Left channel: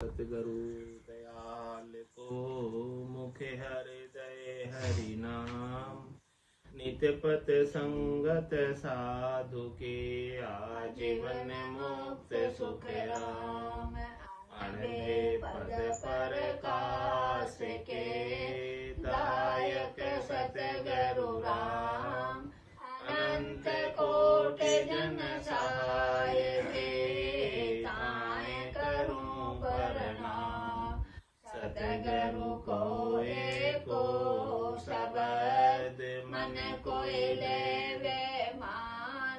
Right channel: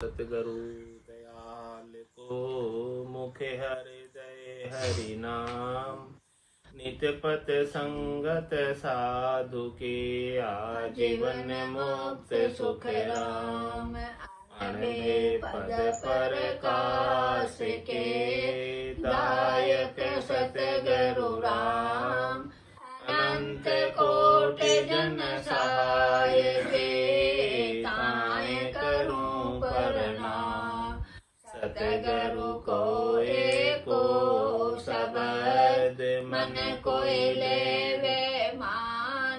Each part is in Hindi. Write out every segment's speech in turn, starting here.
सतगुरु दयाल को मुखे हृदय हरि नाम। नित्य पथ संगत साधु के आजीवन मुक्त सुख राम। अणभे पद पर काश के दायक सतगुरु राम। अनंत कोटि जन सहाय दे ताय करूं प्रणाम। सतगुरु को एको शब्द मन कोई लेवे मान।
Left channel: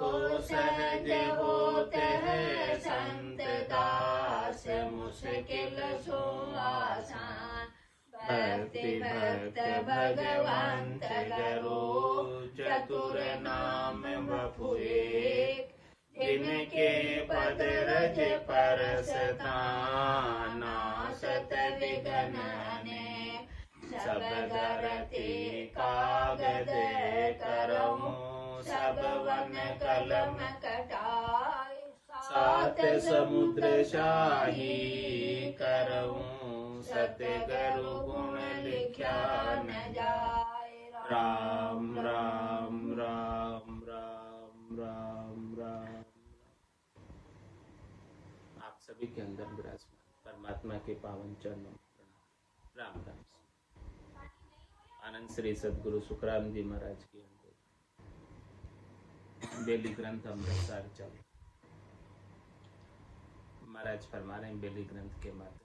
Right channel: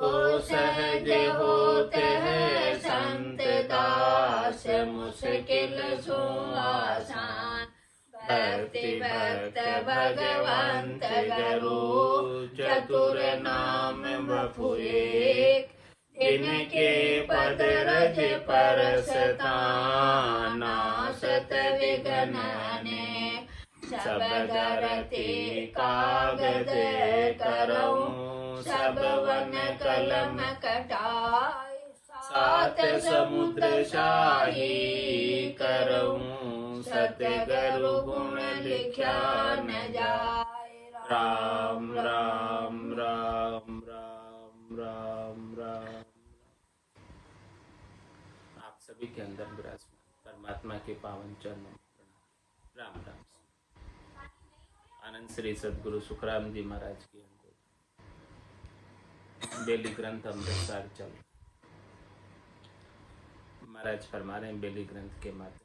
तो सहज होते है संत दास मुश्किल सो आसान। भक्ति भक्त भगवंत गुरु चतुर नाम बपु एक। जिनके पद रज परसता नासत विघ्न अनेक। सब धरती कागज करऊं सब वन कलम कटाई। सात समुद्र शाही करऊं सतगुरु गुण लिख्या न जाए। राम राम राम राम राम राम। आप सभी के अंदर विराजमान परमात्मा के पावन चरणों में प्रणाम। राम राम। आनंद श्री सदगुरु सुखराम जी महाराज के अंदर बेली ग्रंथ अमृतसर चल महाराज फरमा रहे हैं। बेली ग्रंथ के माध्यम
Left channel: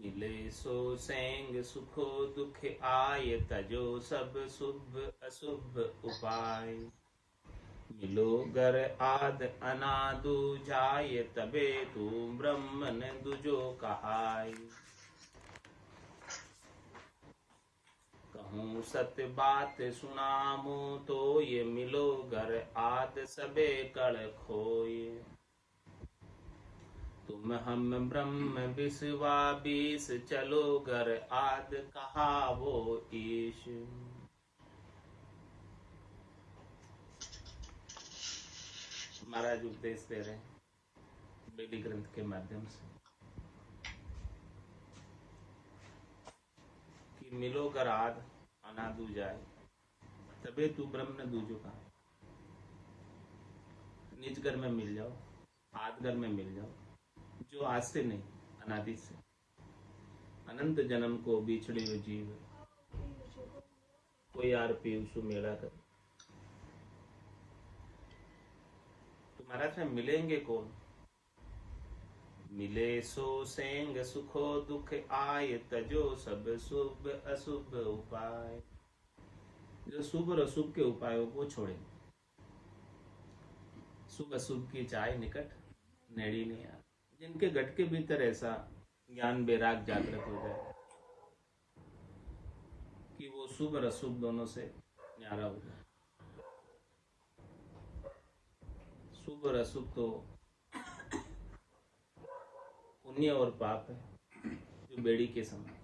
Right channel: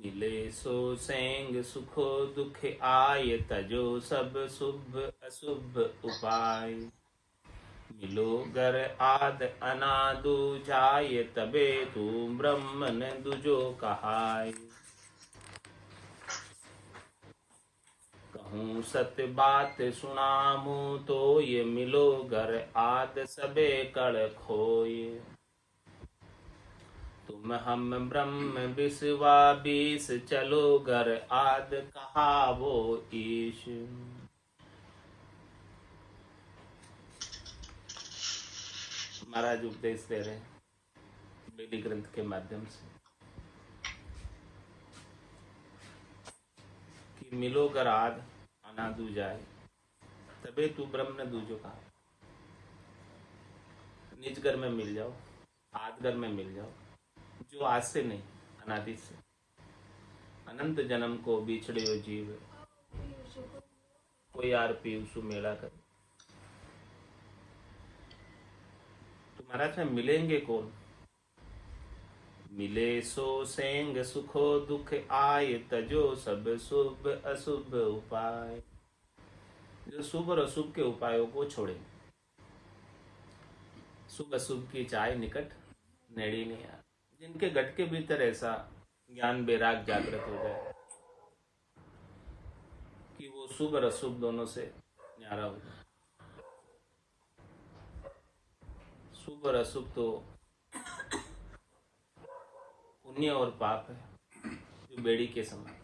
मिले सो सेंग सुखो दुख आय तजो सब शुभ अशुभ उपाय। मिलो गर आद अनादु जाय तबे तू ब्रह्मन दुजो कहाय। कहूँ सत्य बात सुनामू तो ये मिलो गर आद सबे कड़ खोय। तुम हम ब्रह्म विश्वा बीस चलो गर आद कहा वो ईश। महाराज उपदेश दे रहे बेली ग्रंथ के माध्यम से कि मिलो गर आद अनादु जाए तबे तू ब्रह्म न दूजो कहा। निज घर में मिल जाओ, आद घर में मिल जाओ, जो आज से नहीं अनादि से अनंत जन्म को बिछड़े हो जीव कोई आर पीयूसु मेला करे। तुम्हारा से मिलेंगे कौन? मिले सो सेंग सुखो दुख आय तजो सब शुभ अशुभ उपाय। जो शुभ और अशुभ के उपायों को छोड़े। शुभ अशुभ की चाय निकट नेड़ी नहीं आ। जिनके घट के भीतर ऐसा ज्ञान वैराग जागृत हो जाए कि वो शुभ और अशुभ दोनों से न्यारा हो जाए। शुभ और अशुभ तो पुण्य और पाप है जो बेड़ी के समान।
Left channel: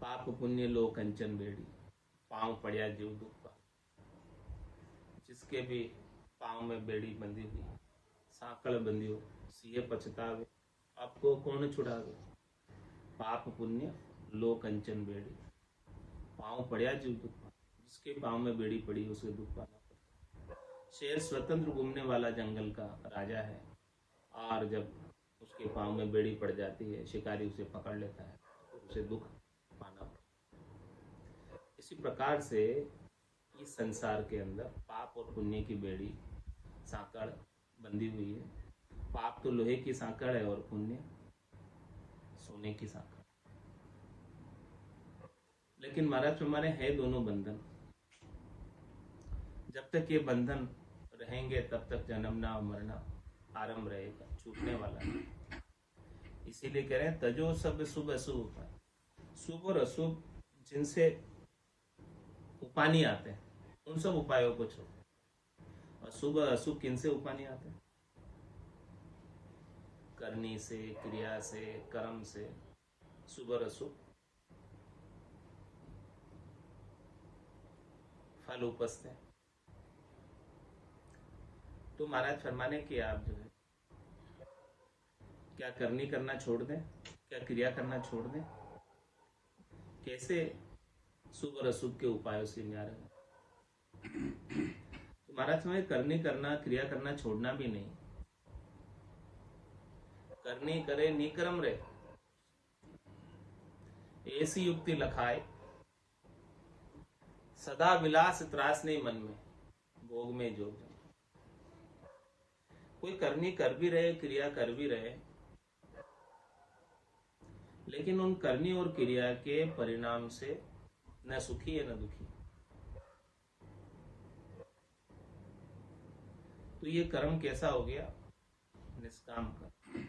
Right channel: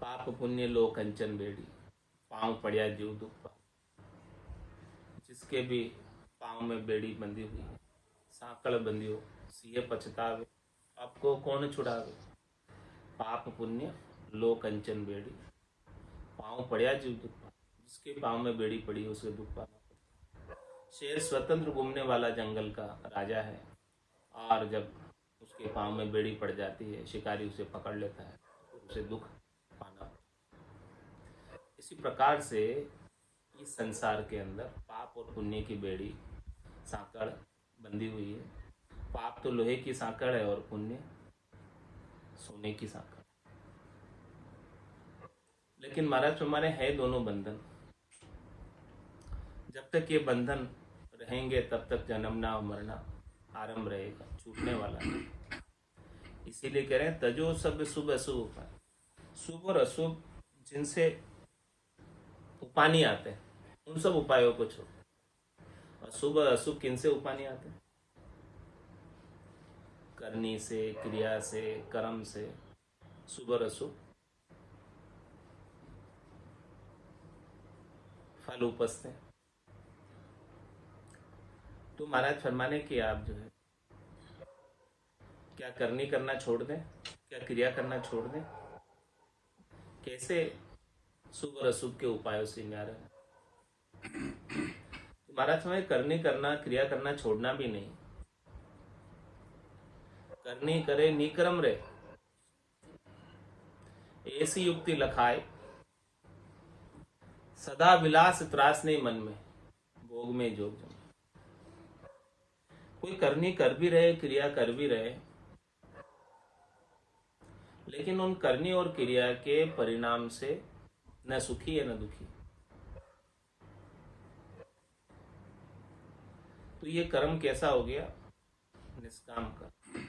पाप पुण्य लो कंचन बेड़ी पांव पड़िया जीव दुख पा। जिसके भी पांव में बेड़ी बंधी हुई है, साकड़ बंधी हो, सिए पछतावे, आपको कौन छुड़ावे। पाप पुण्य लो कंचन बेड़ी पांव पड़िया जीव दुख पा। जिसके पांव में बेड़ी पड़ी उसे दुख पाना पड़ता है। शेर स्वतंत्र घूमने वाला जंगल का राजा है और जब उसके पांव में बेड़ी पड़ जाती है शिकारी उसे पकड़ लेता है, उसे दुख पाना पड़ता है। इसी प्रकार से इस संसार के अंदर पाप और पुण्य की बेड़ी सांकड़ बंधी हुई है। पाप तो लोहे की सांकड़ है और पुण्य सोने की सांकड़। लेकिन महाराज हमारे है दोनों बंधन। जब तक ये बंधन रहेंगे तब तक जन्मना और मरना आरंभ रहेगा, छूटने वाला नहीं। इसीलिए कह रहे हैं तजो सब शुभ अशुभ उपाय। शुभ और अशुभ जिनसे उपानी आते हैं उन सब उपायों को छोड़ो। और शुभ और अशुभ किनसे उपानी आते हैं? करनी से, क्रिया से, कर्म से शुभ और अशुभ फल उपजते हैं। तो महाराज फरमाने कि आप जो है क्या करना छोड़ दें, क्या क्रिया करना छोड़ दें, कैसे शुभ और अशुभ के उपायों से न्यारे हो। तो महाराज फरमाए करना क्रिया करना छोड़ना भी नहीं, करनी करे निक्रम रे, ऐसी युक्ति लखाए, सदा विलास त्रास नहीं मन में, भोग में जोग जम। कोई करनी कर भी रहे, क्रिया कर भी रहे, लेकिन उन करनी और क्रिया के परिणाम से न सुखी है न दुखी। तो ये कर्म कैसा हो गया? निष्काम कर्म।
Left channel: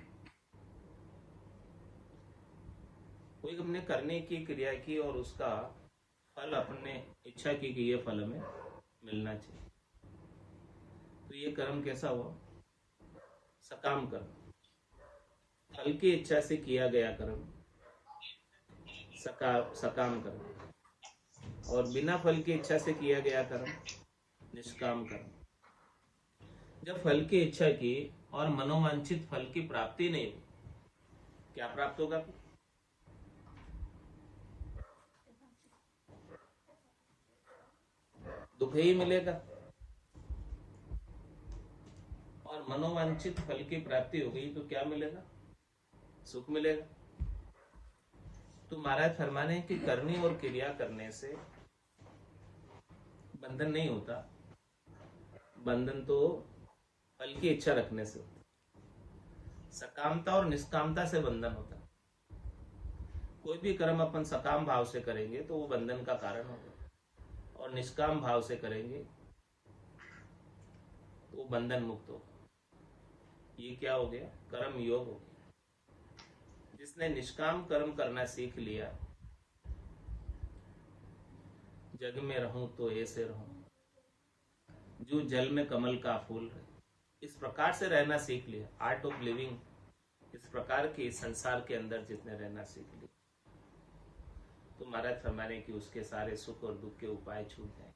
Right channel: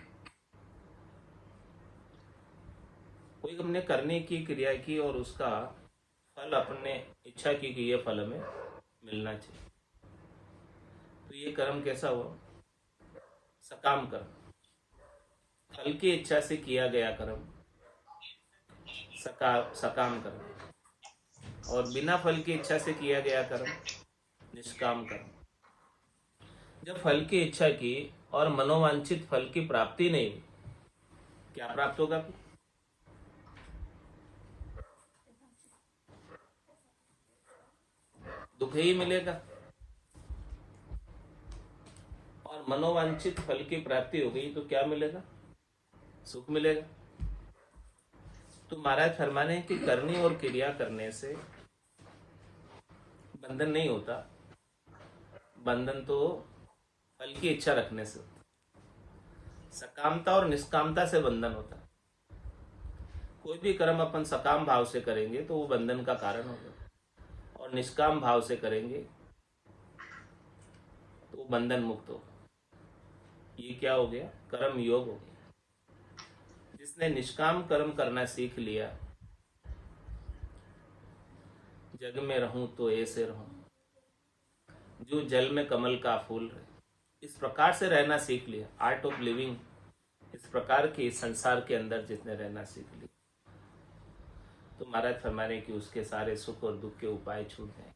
कोई हमने करने की क्रिया की और उसका फल अपने इच्छा की कि ये फल हमें मिलना चाहिए, तो ये कर्म कैसा हुआ? सकाम कर्म। फल की इच्छा से किया गया कर्म सकाम कर्म, और बिना फल की इच्छा से किया गया कर्म निष्काम कर्म। जब फल की इच्छा की और मनोवांछित फल की प्राप्ति नहीं हुई, क्या प्राप्त होगा? दुख ही मिलेगा। और मनोवांछित फल की प्राप्ति हो गई तो क्या मिलेगा? सुख मिलेगा। तो महाराज फरमाने कि करनी और क्रिया करने से बंधन नहीं होता, बंधन तो फल की इच्छा रखने से होता। सकामता और निष्कामता से बंधन होता। कोई भी कर्म अपन सकाम भाव से करेंगे तो वो बंधन का कारण होगा, और निष्काम भाव से करेंगे तो वो बंधन मुक्त हो। ये क्या हो गया? कर्म योग हो गया। जिसने निष्काम कर्म करना सीख लिया, जग में रहूं तो ऐसे रहूं, जो जल में कमल का फूल रहे, इस प्रकार से रहना सीख लिया, आर्ट ऑफ लिविंग, इस प्रकार के संसार के अंदर जिसने रहना सीख लिया, तो महाराज फरमाने कि उसके सारे सुख और दुख के उपाय छूट जाएंगे,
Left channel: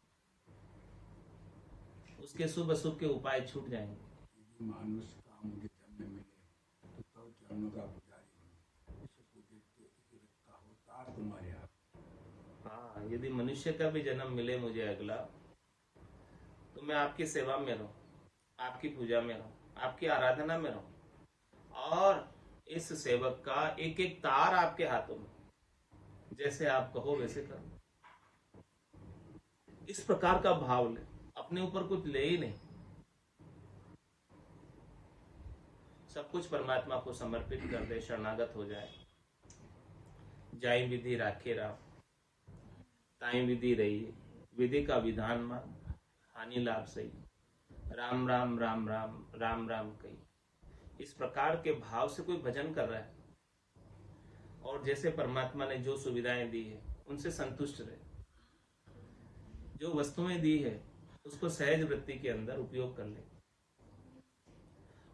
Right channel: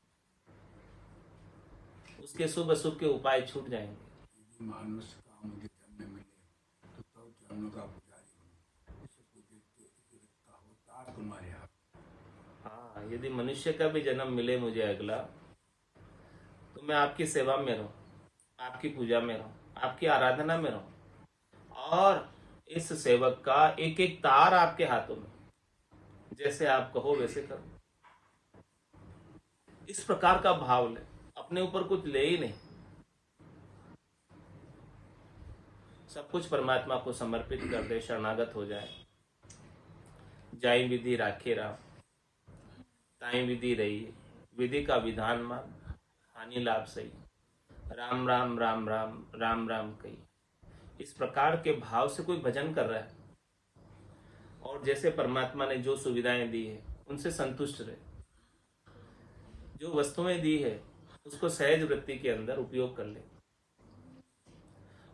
उसके शुभ अशुभ के उपाय छूट जाएंगे। मनुष्य का मुझे जन्म मिले तो तब चरणों का पुजारी हो, इसको देखता हो तुम्हारे आप। हाँ, यदि मनुष्य का भी जन्म मिले मुझे अगला, तो मैं आपकी सेवा में रहूं, आपकी पूजा में रहूं, आपकी आराधना में रहूं, और इस सेवक का एक एक तार आपके हाथों में, जैसे आप कहो वैसे करो। इस प्रकार का भाव ले, अपने ऊपर कुछ ले ही नहीं, सब कुछ परमात्मा को समर्पित कर दे, शरणागत हो जाए। जाई विधि राखे राम, ताई विधि रही, विधि का विधान मान, हानि लाभ सही, राम राम राम राम राम राम कही। इस प्रकार के भाव से कोई भजन कर रहा है, और जैसे परमात्मा ने जो सुविधाएं दी है उनसे संतुष्ट रहे, जो वस्तुएं दी है उसको सहज वृत्ति के अंदर उपयोग कर ले,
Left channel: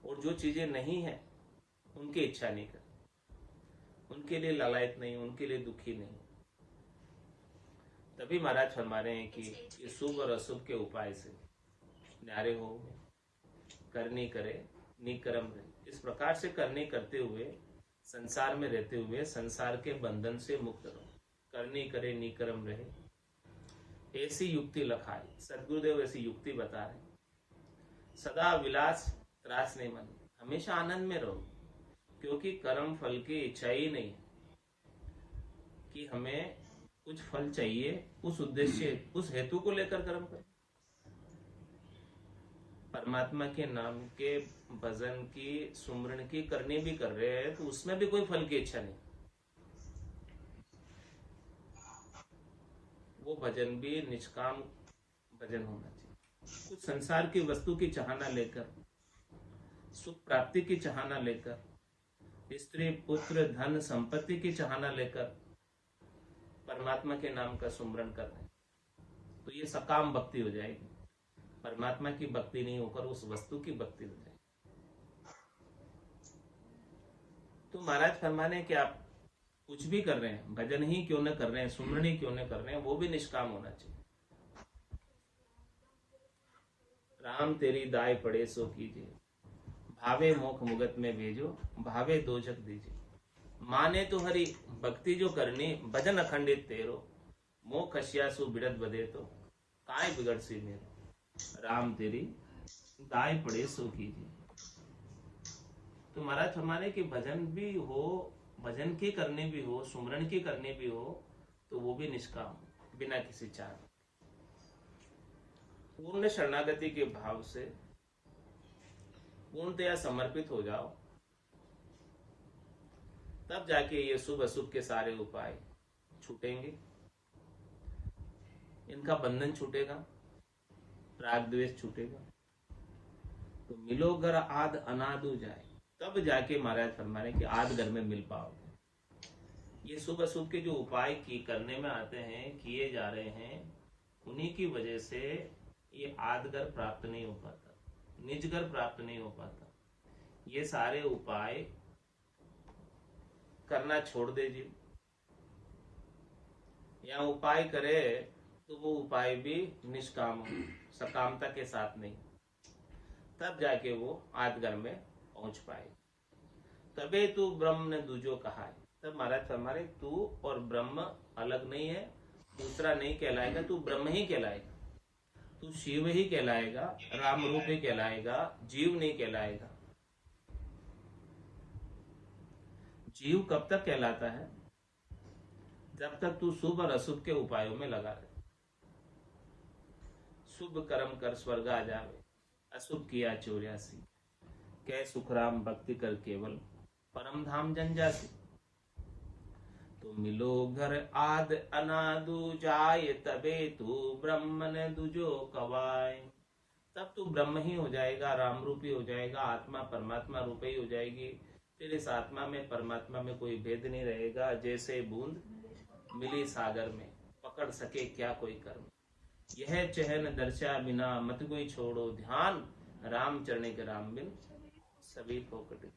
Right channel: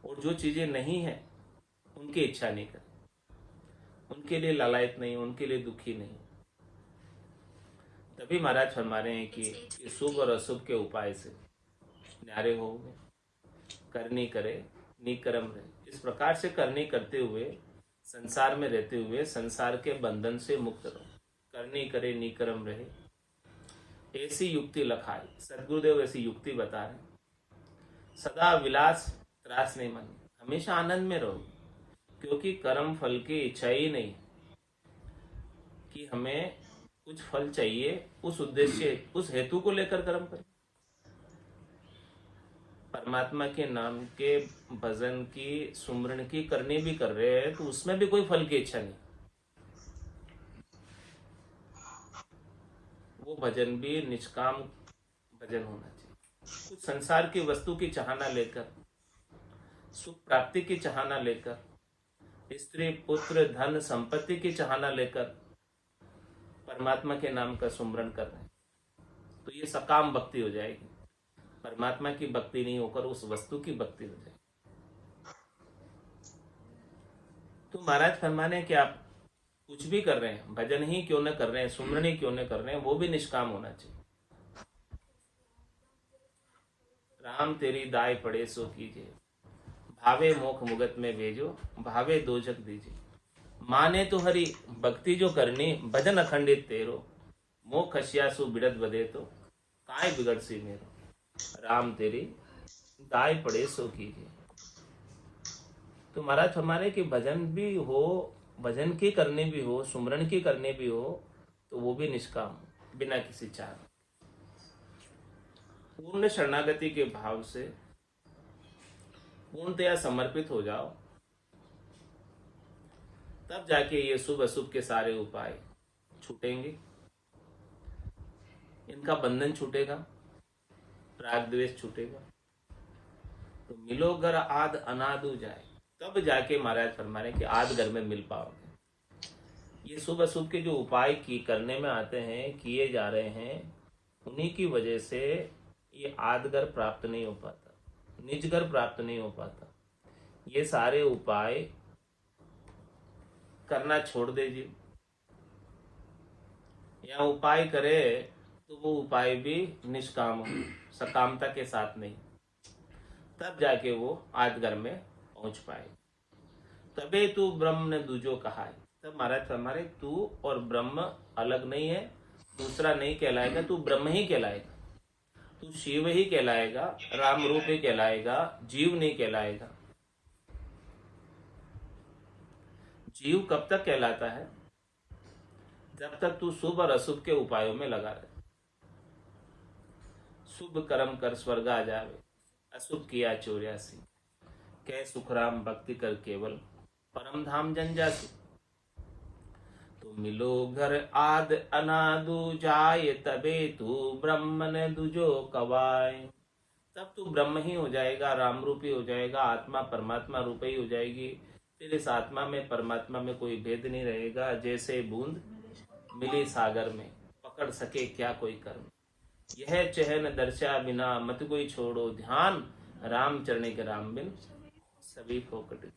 और जो चीजें नहीं है उनकी इच्छा नहीं करे, उनके लिए लालायत नहीं, उनके लिए दुखी नहीं। तभी महाराज फरमा रहे हैं कि शुभ और अशुभ के उपाय से न्यारे होंगे, करनी करे निकरम रहे। इस प्रकार से करनी करते हुए, संसार में रहते हुए संसार के बंधन से मुक्त रहो, करनी करे निकरम रहे, ऐसी युक्ति लखाए। सदगुरुदेव ऐसी युक्ति बता रहे, सदा विलास त्रास नहीं मन, हमेशा आनंद में रहो, क्योंकि कर्म फल की इच्छा ही नहीं कि हमें कुछ फल चाहिए, उस उद्देश्य उस हेतु को लेकर कर्म करें। परमात्मा के नाम के भजन की, सुमरण की करनी भी कर रहे हैं तो उसमें भी कोई फल की इच्छा नहीं, वो भजन भी निष्काम भजन होना चाहिए। कुछ संसार की वस्तु की चाहना लेकर, सुख प्राप्ति की चाहना लेकर, स्त्री पुत्र धन संपत्ति की चाहना लेकर परमात्मा के नाम का सुमरण कर रहे हैं, तो ये सकाम भक्ति हो जाएगी। परमात्मा की भक्ति नहीं होकर उस वस्तु की भक्ति हो जाएगी। तो महाराज फरमाने कि आप कुछ भी कर रहे हैं, भजन ही क्यों न कर रहे हैं, सुमरण ही क्यों न कर रहे हैं, वो भी निष्काम होना चाहिए। राम तेरी दाय पड़े सो कीजिए, भावे मोख मुगत में भेजो, भावे दोजक दीजिए। माने तो हरि भक्ति जो करनी, भजन अखंडित तेरो, मोह खसियासु बिड़त बदे तो, काय बिगड़ सी मेरो। राम तेरी दाय पड़े सो कीजिए। तो महाराज हमारे कि भजन भी हो, भजन की करनी भी हो, सुमरण की करनी भी हो, तो वो भी निष्काम, बिना किसी चाह, पूर्ण शरणागति के भाव से पूर्णतया समर्पित हो जाओ, तब जाके ये शुभ अशुभ के सारे उपाय छूटेंगे, इनका बंधन छूटेगा, राग द्वेष छूटेगा। तो मिलो घर आद अनादु जाए, तब जाके महाराज फरमा रहे कि आद घर में मिल पाओगे। ये शुभ अशुभ के जो उपाय की करने में आते हैं, किए जा रहे हैं, उन्हीं की वजह से ये आदगर प्राप्त नहीं हो पाता, निजगर प्राप्त नहीं हो पाता। ये सारे उपाय करना छोड़ दे जी, या उपाय करे तो वो उपाय भी निष्काम हो, सकामता के साथ नहीं, तब जाके वो आदगर में पहुंच पाए। तबे तू ब्रह्म ने दूजो कहा है। तब महाराज फरमा रहे तू और ब्रह्म अलग नहीं है, दूसरा नहीं कहलाएगा, तू ब्रह्म ही कहलाएगा, तू शिव ही कहलाएगा, राम रूप ही कहलाएगा, जीव नहीं कहलाएगा। जीव कब तक कहलाता है? जब तक तू शुभ और अशुभ के उपायों में लगा रहे। शुभ कर्म कर स्वर्ग आ जावे, अशुभ किया चौरासी, कह सुखराम भक्ति कर केवल, परम धाम जंजासी। तो मिलो घर आद अनादु जाय, तबे तू ब्रह्म ने दुजो कवाय। तब तू ब्रह्म ही हो जाएगा, राम रूपी हो जाएगा, आत्मा परमात्मा रूप ही हो जाएगी। फिर इस आत्मा में परमात्मा में कोई भेद नहीं रहेगा। जैसे बूंद मिली सागर में, पकड़ सके क्या कोई कर्म। यह चहन दर्शा बिना मत कोई छोड़ो ध्यान, राम चरणे के राम बिन सभी फोकट गया।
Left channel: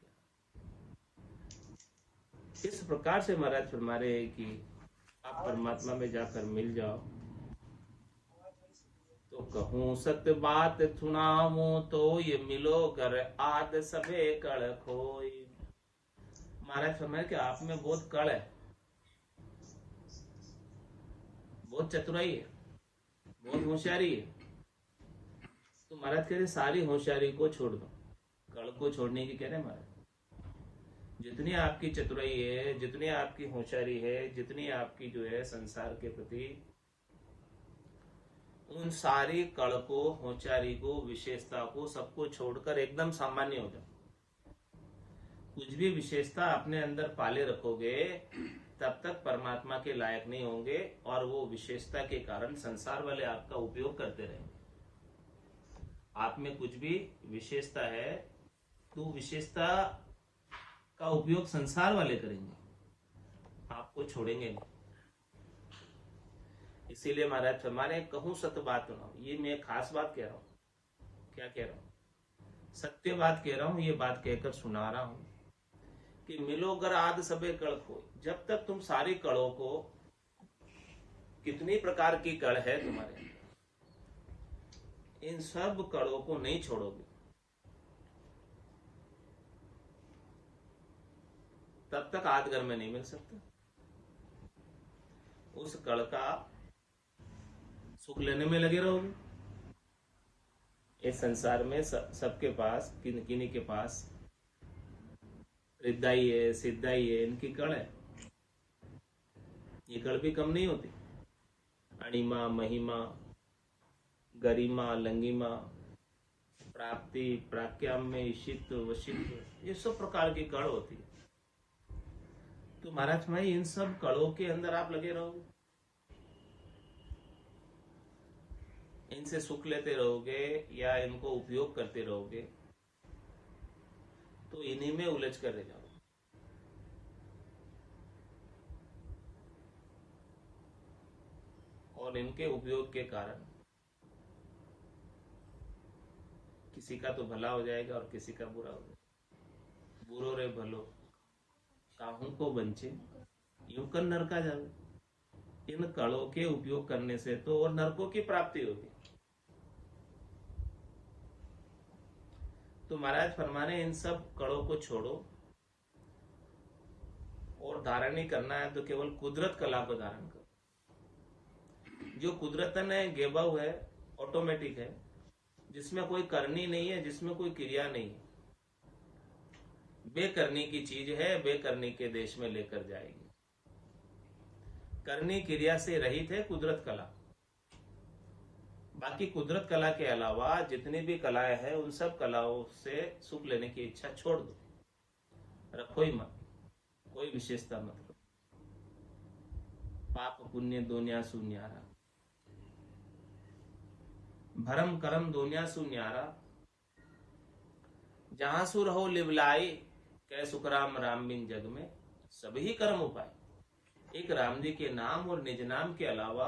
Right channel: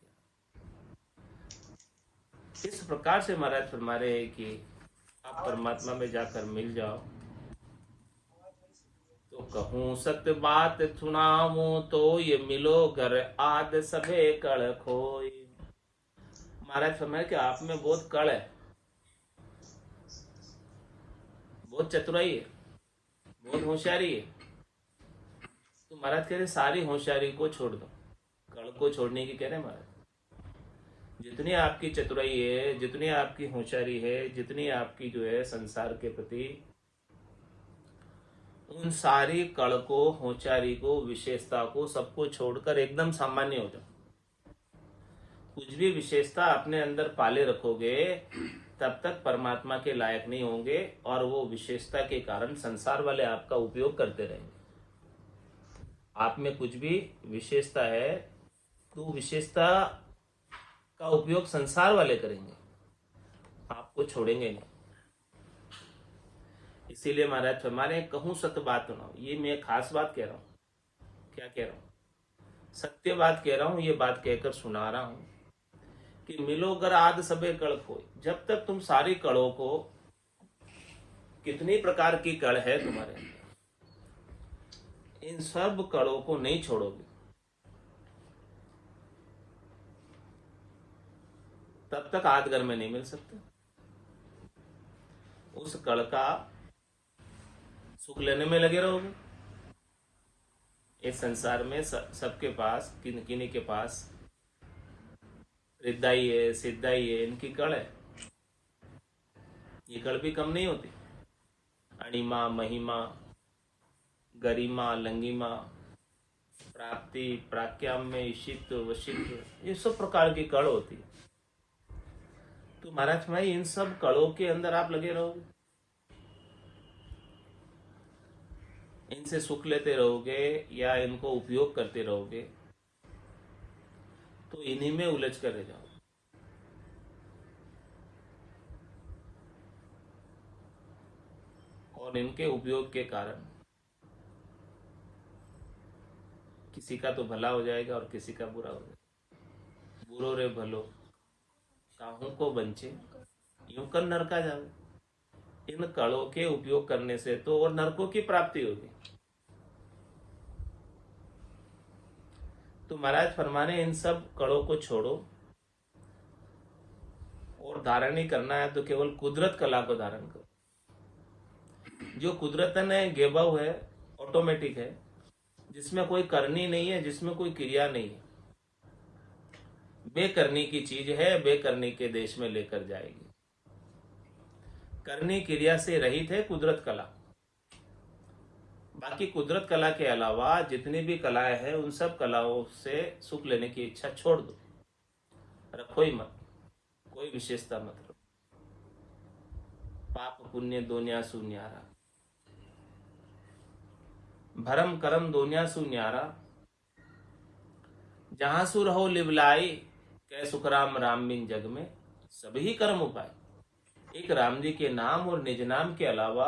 इस प्रकार से महाराज फरमा रहे हैं कि आप परमात्मा में जाकर मिल जाओ। तो कहूं सत्य बात सुनाऊं, तो ये मिलो घर आद सबे कड़ खोई। महाराज फरमाए कि आप में बहुत कड़ है, बहुत चतुराई है, बहुत होशियारी है। तो महाराज कह रहे सारी होशियारी को छोड़ दो, कड़ को छोड़ने की कह रहे महाराज। जितनी आपकी चतुराई है, जितनी आपकी होशियारी है, जितनी आपकी जो है संसार के प्रति, उन सारी कड़ को, होशियारी को, विशेषता को, सबको छोड़कर एकदम सामान्य हो जाओ। कुछ भी विशेषता अपने अंदर पाले रखोगे तब तक परमात्मा के लायक नहीं होंगे, और वो विशेषता के कारण संसार वाले आपका उपयोग करते रहेंगे। आप में कुछ भी विशेषता है तो विशेषता का उपयोग संसार वाले करेंगे, आपको छोड़ेंगे नहीं। इसीलिए महाराज फरमाने कहूं सत्य बात सुनाओ। ये मैं खास बात कह रहा हूं। क्या कह रहा हूं? सत्य बात कह रहा हूं। ये बात कहकर सुना रहा हूं कि मिलो गर आद सबे कड़ खोए। जब तक तुम सारी कड़ों को, कितनी प्रकार की कड़ है तुम्हारे अंदर, इन सब कड़ों को नहीं छोड़ोगे, तब तक आदगर में नहीं मिल सकते। उस कड़ का सुख लेने में लगे रहोगे। इस संसार में सबके पास, किन्हीं के पास रिद्धाई है, सिद्धाई है, इनकी कड़ है। ये कड़ भी कम नहीं होती। अणिमा, महिमा, गरिमा, लंगिमा, प्राप्ति, प्राक्याम्य, ईशित्व, वशित्व, ये सब प्रकार की कड़ होती है। तो महाराज भाई इन सब कड़ों के अंदर आप लगे रहोगे, इनसे सुख लेते रहोगे या इनको उपयोग करते रहोगे, तो इन्हीं में उलझ कर रह जाओ। और इनके उपयोग के कारण किसी का तो भला हो जाएगा और किसी का बुरा हो जाएगा। बुरो रे भलो काहू को बंचे, यूं कर नरका जावे। इन कड़ों के उपयोग करने से तो और नरकों की प्राप्ति होगी। तो महाराज फरमा रहे इन सब कड़ों को छोड़ो और धारण ही करना है तो केवल कुदरत कला को धारण करो। जो कुदरत ने गेबव है, ऑटोमेटिक है, जिसमें कोई करनी नहीं है, जिसमें कोई क्रिया नहीं है, बेकरनी की चीज है, बेकरनी के देश में लेकर जाएगी। करनी क्रिया से रहित है कुदरत कला। बाकी कुदरत कला के अलावा जितनी भी कलाएं हैं उन सब कलाओं से सुख लेने की इच्छा छोड़ दो, रखो ही मत, कोई विशेषता मत रखो। पाप पुण्य दोनिया सुन्यारा, भरम करम दोनिया सुन्यारा, जहां सु रहो लिवलाई, कै सुखराम राम बिन जग में सभी कर्म उपाय। एक राम जी के नाम और निज नाम के अलावा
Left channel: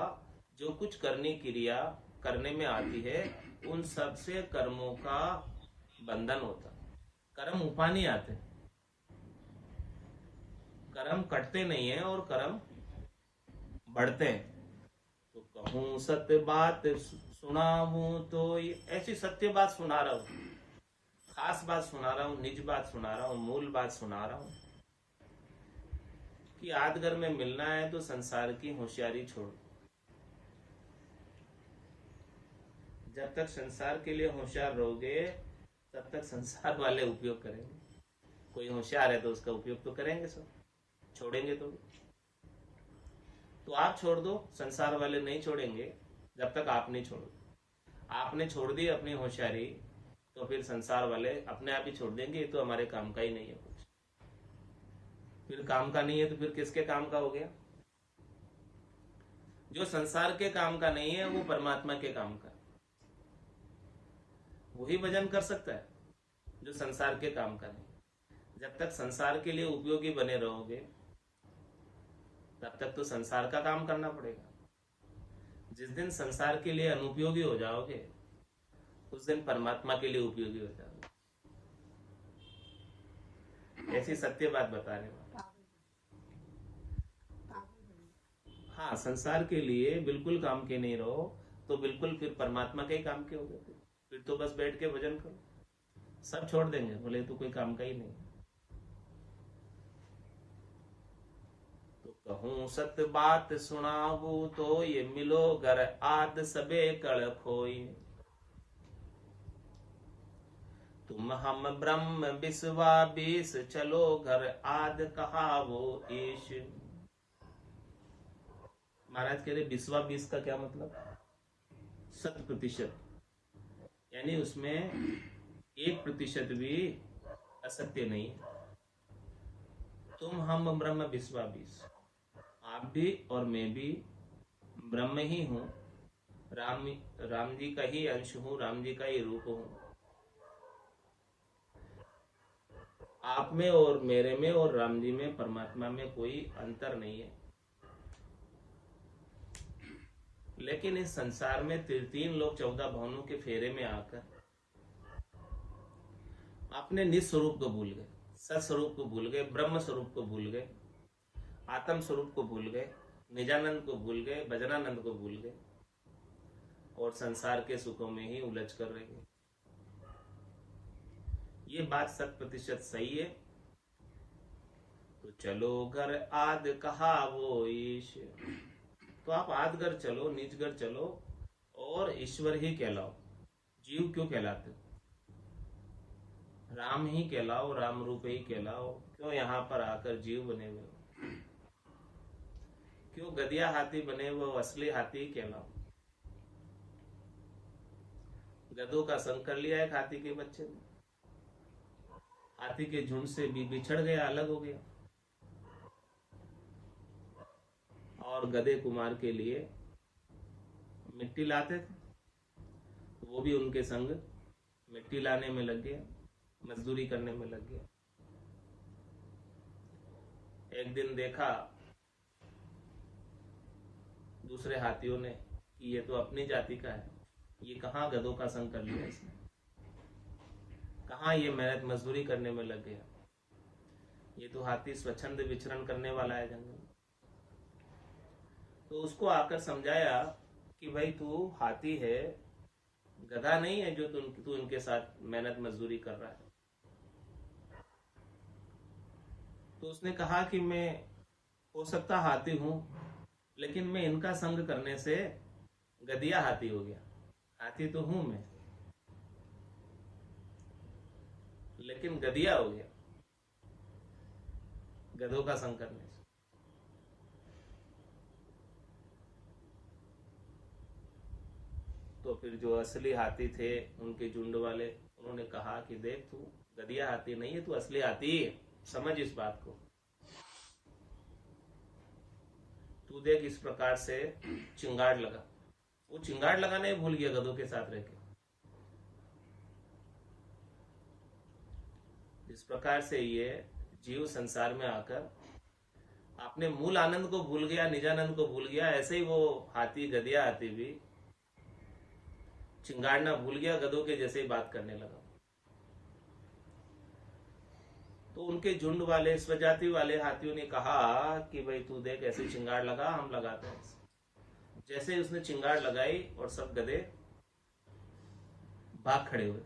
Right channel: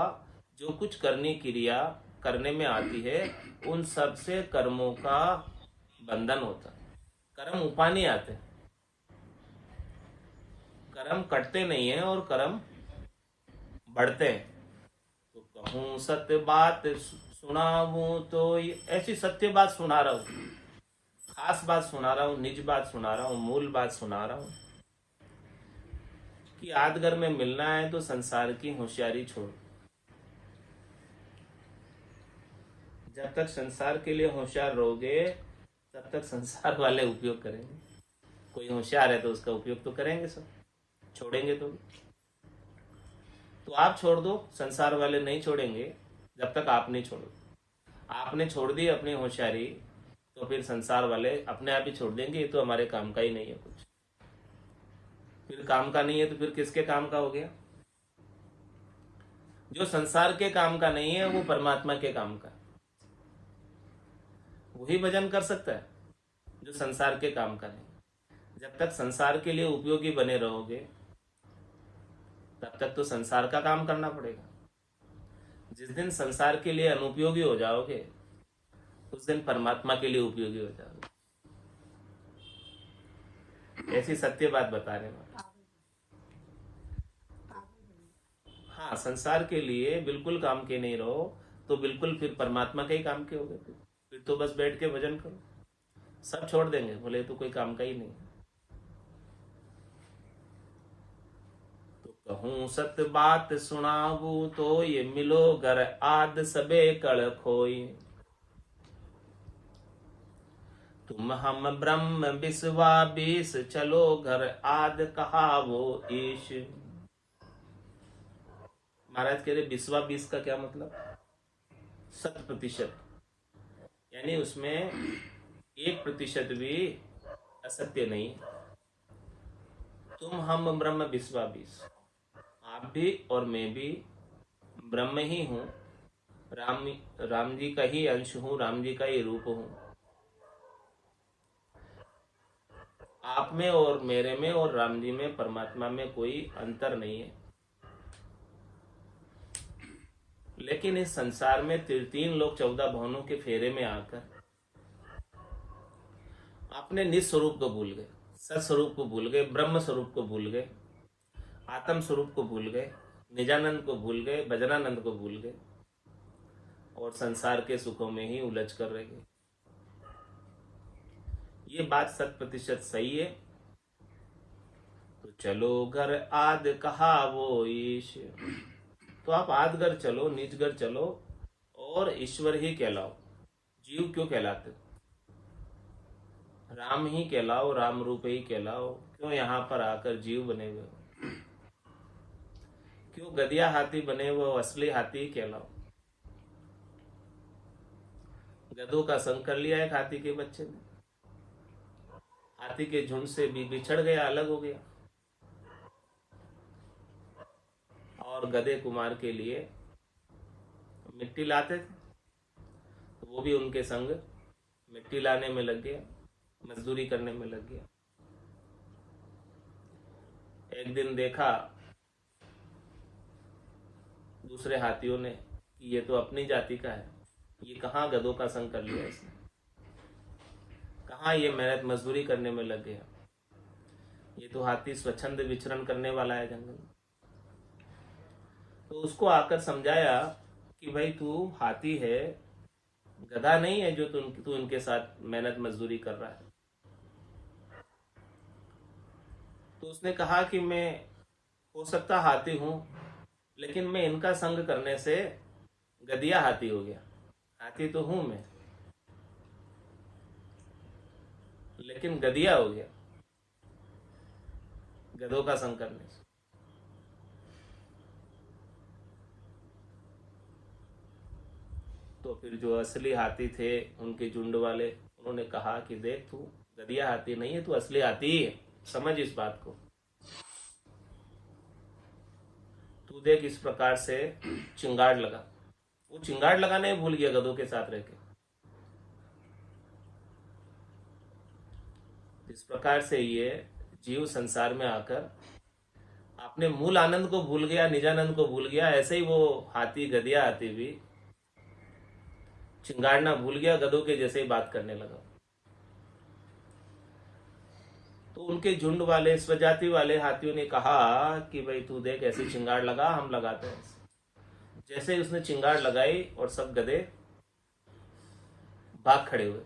जो कुछ करनी क्रिया करने में आती है उन सब से कर्मों का बंधन होता है। कर्म उपा नहीं आते, कर्म कटते नहीं है और कर्म बढ़ते हैं। तो कहूं सत्य बात सुनाऊं तो ऐसी सत्य बात सुना रहा हूं, खास बात सुना रहा हूं, निज बात सुना रहा हूं, मूल बात सुना रहा हूं कि आदगर में मिलना है तो संसार की होशियारी छोड़। जब तक संसार के लिए होशियार रहोगे तब तक संसार वाले उपयोग करेंगे। कोई होशियार है तो उसका उपयोग तो करेंगे, सब छोड़ेंगे तो आप छोड़ दो, संसार वाले नहीं छोड़ेंगे जब तक आप नहीं छोड़ो। आपने छोड़ दी अपनी होशियारी तो फिर संसार वाले अपने आप ही छोड़ देंगे, ये तो हमारे काम का ही नहीं है कुछ। फिर काम का नहीं है तो फिर किसके काम का हो गया? जो संसार के काम का नहीं है वो परमात्मा के काम का, वही भजन कर सकता है जो संसार के काम का नहीं। जब तक संसार के लिए उपयोगी बने रहोगे तब तक तो संसार का काम करना पड़ेगा। जिस दिन संसार के लिए अनुपयोगी हो जाओगे उस दिन परमात्मा के लिए उपयोगी हो जाओगे। ऐसी सत्य बात बता रहे हैं। हाँ, संसार के लिए बिल्कुल काम के नहीं रहो तो बिल्कुल फिर परमात्मा के ही काम के हो गए। फिर तो बस बैठ के भजन करो, सब छोड़ देंगे, बोले तो कोई काम का ही नहीं। तो कहूं सत्य बात सुनाऊ तो ये मिलो घर आद सबे कड़ खोई। तुम हम ब्रह्म बिस्वा बीस चलो घर आद कहा वो ईश। महाराज कह रहे बिस्वा बीस का क्या मतलब? 100%, यानी उसमें 1% भी असत्य नहीं। तुम हम ब्रह्म बिस्वा बीस, आप भी और मैं भी ब्रह्म ही हूं, राम जी का ही अंश हूं, राम जी का ही रूप हूं। आप में और मेरे में और राम जी में, परमात्मा में कोई अंतर नहीं है। लेकिन इस संसार में 3 लोग 14 भवनों के फेरे में आकर अपने निज स्वरूप को भूल गए, सत स्वरूप को भूल गए, ब्रह्म स्वरूप को भूल गए, आत्म स्वरूप को भूल गए, निजानंद को भूल गए, भजनानंद को भूल गए और संसार के सुखों में ही उलझ कर रह गए। ये बात 100% सही है। तो चलो घर आद कहा वो ईश, तो आप आदगर चलो, नीचगर चलो और ईश्वर ही कहलाओ। जीव क्यों कहलाते? राम ही कहलाओ, राम रूप ही कहलाओ। क्यों यहाँ पर आकर जीव बने हुए हो? क्यों गधिया हाथी बने हुए हो? असली हाथी ही कहलाओ। गधों का संग कर लिया एक हाथी के बच्चे ने, हाथी के झुंड से भी बिछड़ गया, अलग हो गया और गधे कुमार के लिए मिट्टी लाते थे तो वो भी उनके संग मिट्टी लाने में लग गया, मजदूरी करने में लग गया। एक दिन देखा दूसरे हाथियों ने कि ये तो अपनी जाति का है, ये कहाँ गधों का संग कर लिया इसने, कहाँ ये मेहनत मजदूरी करने में लग गया, ये तो हाथी स्वच्छंद विचरण करने वाला है जंगल में। तो उसको आकर समझाया कि भाई तू हाथी है गधा नहीं है जो तू इनके साथ मेहनत मजदूरी कर रहा है। तो उसने कहा कि मैं हो सकता हाथी हूं, लेकिन मैं इनका संग करने से गधिया हाथी हो गया। हाथी तो हूं मैं, लेकिन गधिया हो गया गधों का संग करने से। तो फिर जो असली हाथी थे उनके झुंड वाले, उन्होंने कहा कि देख, तू गधिया हाथी नहीं है, तू असली हाथी ही है, समझ इस बात को। तू देख, इस प्रकार से चिंगाड़ लगा। वो चिंगाड़ लगाने भूल गया गधों के साथ रह के। इस प्रकार से ये जीव संसार में आकर अपने मूल आनंद को भूल गया, निजानंद को भूल गया। ऐसे ही वो हाथी, गधिया हाथी भी चिंगाड़ना भूल गया, गधों के जैसे ही बात करने लगा। तो उनके झुंड वाले, स्वजाति वाले हाथियों ने कहा कि भाई तू देख, ऐसे चिंगाड़ लगा, हम लगाते हैं। जैसे ही उसने चिंगाड़ लगाई और सब गधे भाग खड़े हुए,